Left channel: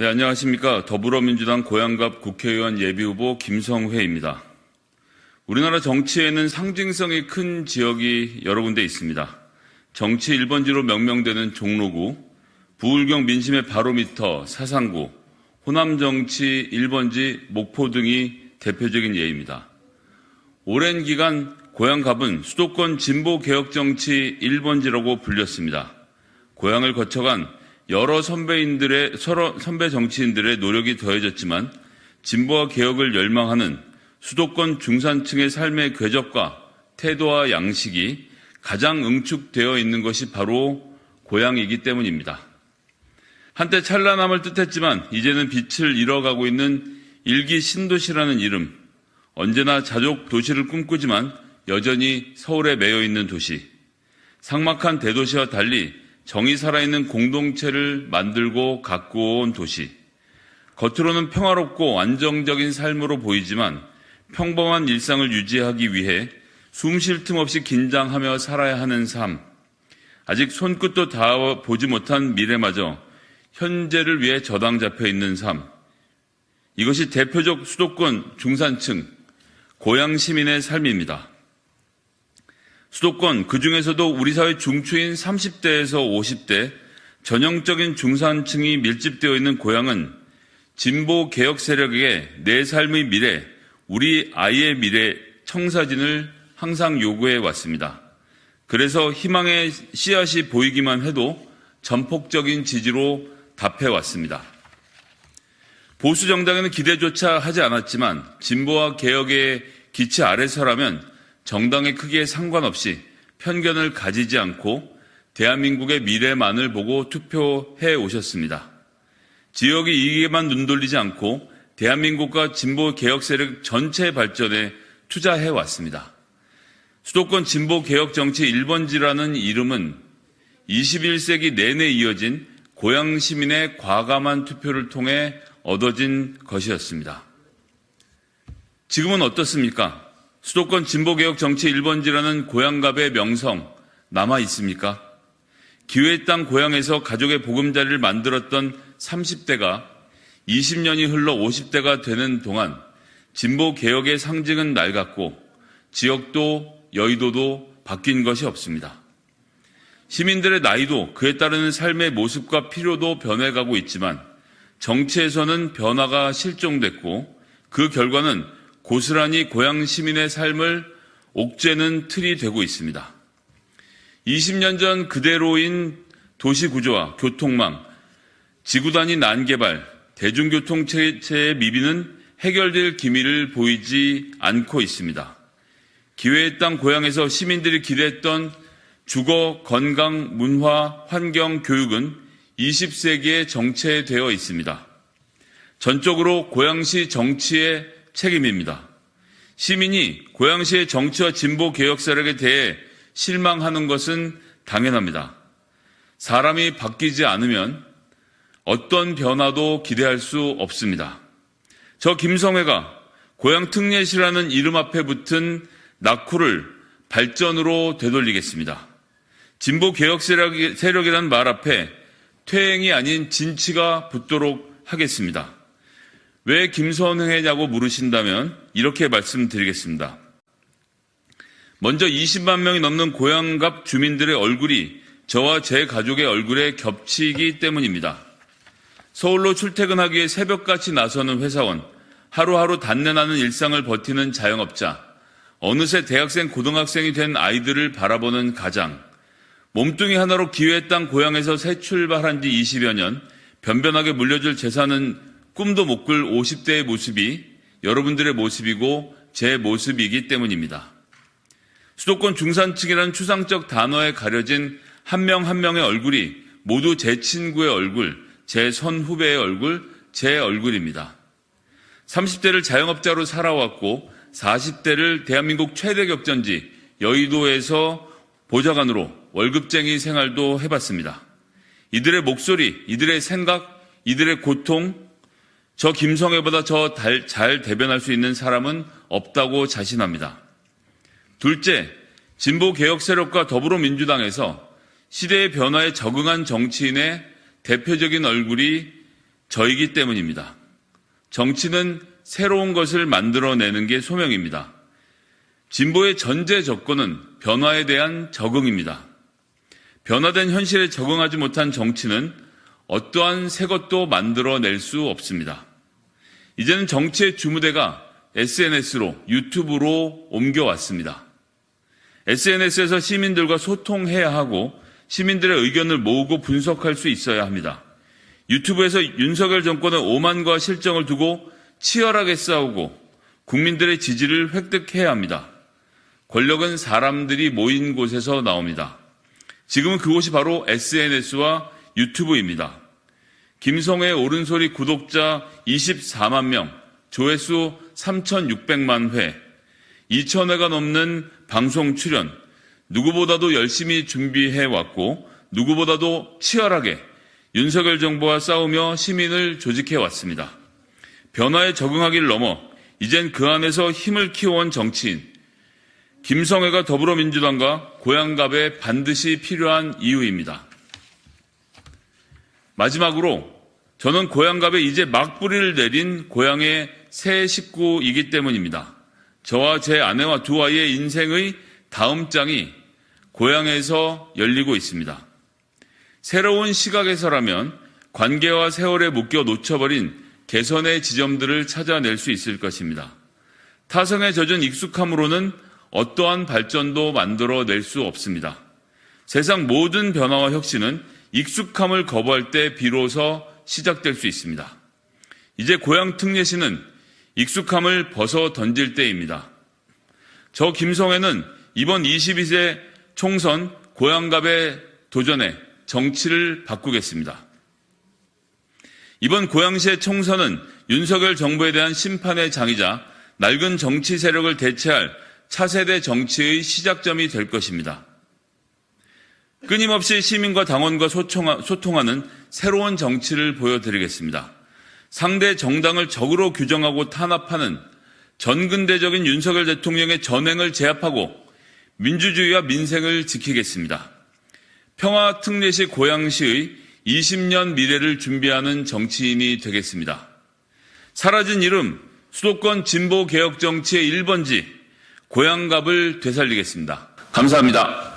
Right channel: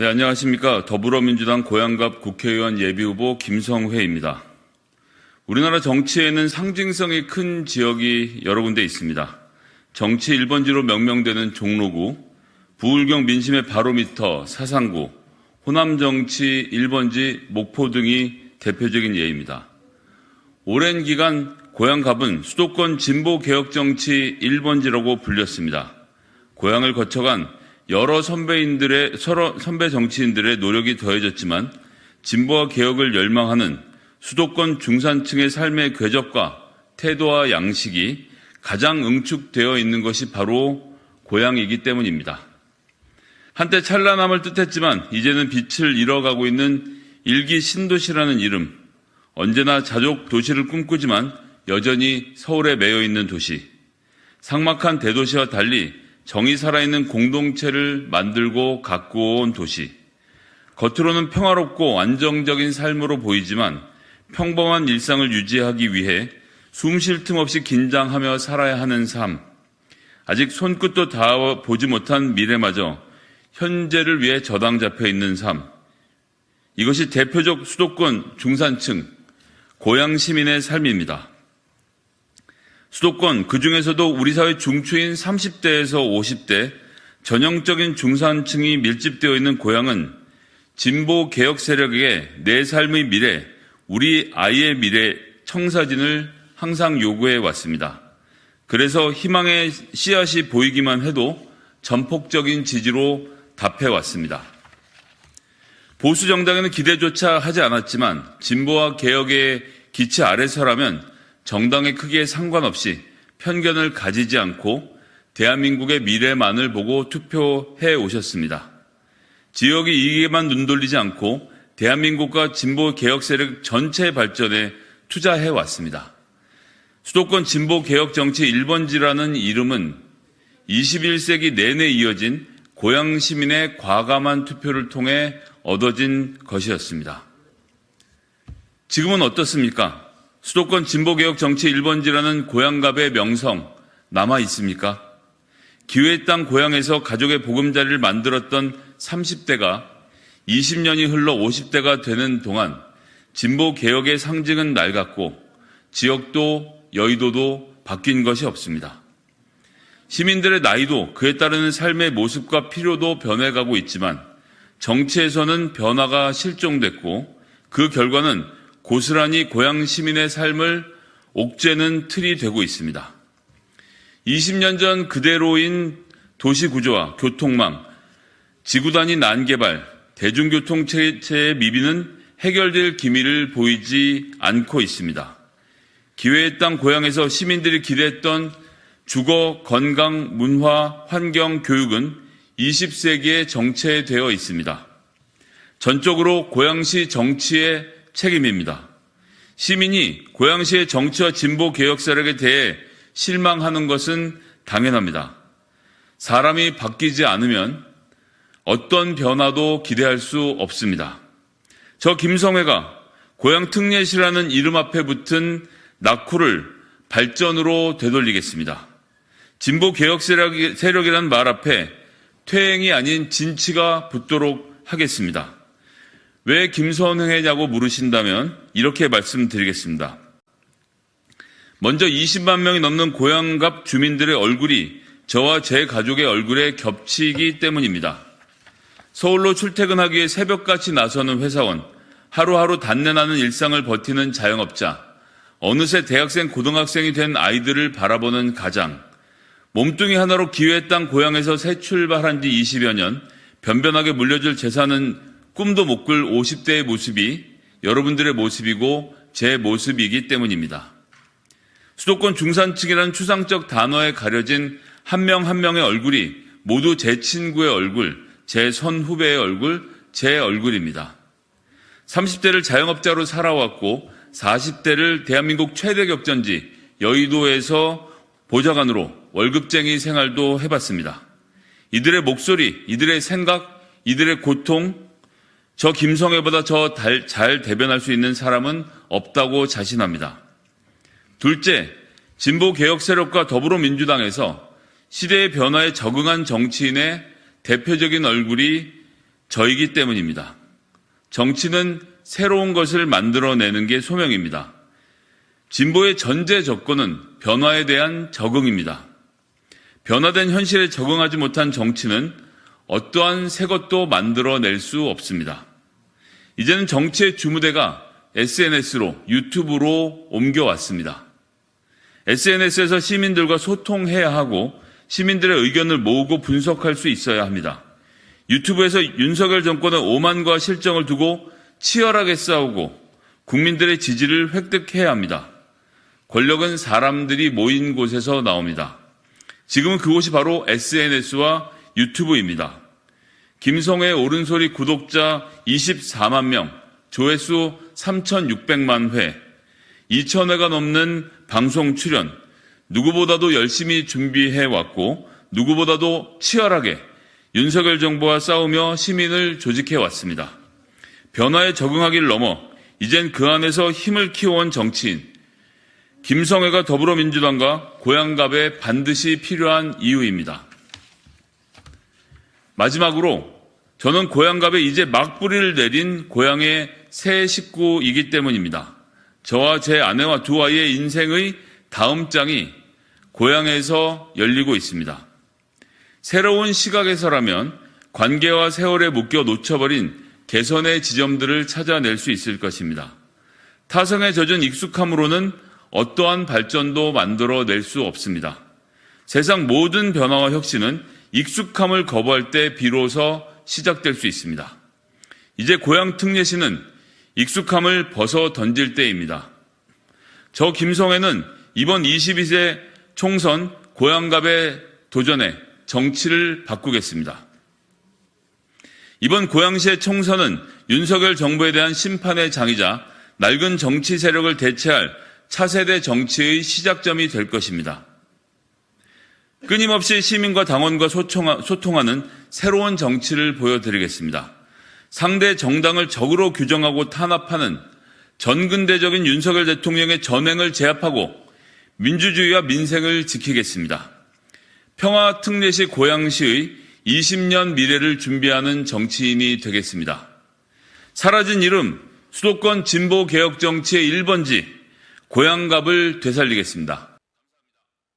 네, 안녕하십니까. 더불어민주당 고양갑 국회의원 예비후보 김성회입니다. 우리나라 정치에는 상징성이 큰 지역이 여러 군데 있습니다. 정치 1번지로 명명되는 종로구, 부울경 민심의 바로미터 사상구, 호남 정치 1번지 목포 등이 대표적인 예입니다. 오랜 기간 고양갑은 수도권 진보개혁 정치 1번지라고 불렸습니다. 고향을 거쳐간 여러 선배 정치인들의 노력이 더해졌지만 진보와 개혁을 열망하는 수도권 중산층의 삶의 궤적과 태도와 양식이 가장 응축되어 있는 것이 바로 고향이기 때문입니다. 한때 찬란함을 뜻했지만 이제는 빛을 잃어가고 있는 일기 신도시라는 이름, 언제나 자족 도시를 꿈꾸지만 여전히 서울에 매여 있는 도시, 삭막한 대도시와 달리 정이 살아있는 공동체를 만들고 가꾸어온 도시, 겉으로는 평화롭고 안정적인 삶으로 보이지만 평범한 일상을 유지하기 위해 숨 쉴 틈 없이 긴장하며 살아야 하는 삶, 아직 손끝도 닿아 보지 못한 미래마저 현재를 위해 저당 잡혀 있는 삶, 이것이 대표적 수도권 중산층, 고향 시민의 삶입니다. 수도권, 그중에서도 우리 사회 중추인 30대에서 50대 전형적인 중산층이 밀집되어 있는 고향은 진보 개혁 세력에게 내 삶의 미래, 우리 아이의 미래 청사진을 항상 요구해 왔습니다. 그래서 희망의 씨앗이 보이기만 해도 전폭적인 지지로 답해 왔습니다. 보수 정당에는 기대조차 하지 않았지만 진보와 개혁의 기치 아래서라면 정당의 크기에 상관없이 편견을 가지지 않고 대한민국의 미래만을 보고 투표해 오셨습니다. 지역의 이익에만 눈돌리지 않고 대한민국과 진보 개혁 세력 전체의 발전에 투자해 왔습니다. 수도권 진보 개혁 정치 1번지라는 이름은 21세기 내내 이어진 고향 시민의 과감한 투표를 통해 얻어진 것이었습니다. 지금은 어떻습니까? 수도권 진보개혁 정치 1번지라는 고양갑의 명성 남아 있습니까? 기회의 땅 고향에서 가족의 보금자리를 만들었던 30대가 20년이 흘러 50대가 되는 동안 진보개혁의 상징은 낡았고 지역도 여의도도 바뀐 것이 없습니다. 시민들의 나이도 그에 따르는 삶의 모습과 필요도 변해가고 있지만 정치에서는 변화가 실종됐고 그 결과는 고스란히 고향 시민의 삶을 옥죄는 틀이 되고 있습니다. 20년 전 그대로인 도시구조와 교통망, 지구 단위 난개발, 대중교통 체제의 미비는 해결될 기미를 보이지 않고 있습니다. 기회의 땅 고향에서 시민들이 기대했던 주거, 건강, 문화, 환경, 교육은 20세기에 정체되어 있습니다. 전적으로 고양시 정치의 책임입니다. 시민이 고양시의 정치와 진보 개혁 세력에 대해 실망하는 것은 당연합니다. 사람이 바뀌지 않으면 어떤 변화도 기대할 수 없습니다. 저 김성회가 고향 특례시라는 이름 앞에 붙은 낙후를 발전으로 되돌리겠습니다. 진보 개혁 세력이라는 말 앞에 퇴행이 아닌 진치가 붙도록 하겠습니다. 왜 김성회냐고 물으신다면 이렇게 말씀드리겠습니다. 먼저 20만 명이 넘는 고양갑 주민들의 얼굴이 저와 제 가족의 얼굴에 겹치기 때문입니다. 서울로 출퇴근하기 위해 새벽같이 나서는 회사원, 하루하루 단련하는 일상을 버티는 자영업자, 어느새 대학생, 고등학생이 된 아이들을 바라보는 가장, 몸뚱이 하나로 기회의 땅 고향에서 새 출발한 지 20여 년, 변변하게 물려줄 재산은 꿈도 못 꿀 50대의 모습이 여러분들의 모습이고 제 모습이기 때문입니다. 수도권 중산층이라는 추상적 단어에 가려진 한 명 한 명의 얼굴이 모두 제 친구의 얼굴, 제 선후배의 얼굴, 제 얼굴입니다. 30대를 자영업자로 살아왔고 40대를 대한민국 최대 격전지 여의도에서 보좌관으로 월급쟁이 생활도 해봤습니다. 이들의 목소리, 이들의 생각, 이들의 고통, 저 김성회보다 잘 대변할 수 있는 사람은 없다고 자신합니다. 둘째, 진보 개혁 세력과 더불어민주당에서 시대의 변화에 적응한 정치인의 대표적인 얼굴이 저이기 때문입니다. 정치는 새로운 것을 만들어내는 게 소명입니다. 진보의 전제 조건은 변화에 대한 적응입니다. 변화된 현실에 적응하지 못한 정치는 어떠한 새 것도 만들어낼 수 없습니다. 이제는 정치의 주무대가 SNS로, 유튜브로 옮겨왔습니다. SNS에서 시민들과 소통해야 하고 시민들의 의견을 모으고 분석할 수 있어야 합니다. 유튜브에서 윤석열 정권의 오만과 실정을 두고 치열하게 싸우고 국민들의 지지를 획득해야 합니다. 권력은 사람들이 모인 곳에서 나옵니다. 지금은 그곳이 바로 SNS와 유튜브입니다. 김성회 옳은소리 구독자 24만 명, 조회수 3,600만 회, 2,000회가 넘는 방송 출연, 누구보다도 열심히 준비해왔고 누구보다도 치열하게 윤석열 정부와 싸우며 시민을 조직해왔습니다. 변화에 적응하기를 넘어 이젠 그 안에서 힘을 키워온 정치인, 김성회가 더불어민주당과 고양갑에 반드시 필요한 이유입니다. 마지막으로 저는 고양갑에 이제 막뿌리를 내린 고향의 새 식구이기 때문입니다. 저와 제 아내와 두 아이의 인생의 다음 장이 고향에서 열리고 있습니다. 새로운 시각에서라면 관계와 세월에 묶여 놓쳐버린 개선의 지점들을 찾아낼 수 있을 것입니다. 타선에 젖은 익숙함으로는 어떠한 발전도 만들어낼 수 없습니다. 세상 모든 변화와 혁신은 익숙함을 거부할 때 비로소 시작될 수 있습니다. 이제 고향 특례시는 익숙함을 벗어 던질 때입니다. 저 김성회는 이번 22세 총선 고양갑에 도전해 정치를 바꾸겠습니다. 이번 고양시의 총선은 윤석열 정부에 대한 심판의 장이자 낡은 정치 세력을 대체할 차세대 정치의 시작점이 될 것입니다. 끊임없이 시민과 당원과 소통하는 새로운 정치를 보여드리겠습니다. 상대 정당을 적으로 규정하고 탄압하는 전근대적인 윤석열 대통령의 전횡을 제압하고 민주주의와 민생을 지키겠습니다. 평화특례시 고양시의 20년 미래를 준비하는 정치인이 되겠습니다. 사라진 이름, 수도권 진보개혁 정치의 1번지 고양갑을 되살리겠습니다. 감사합니다.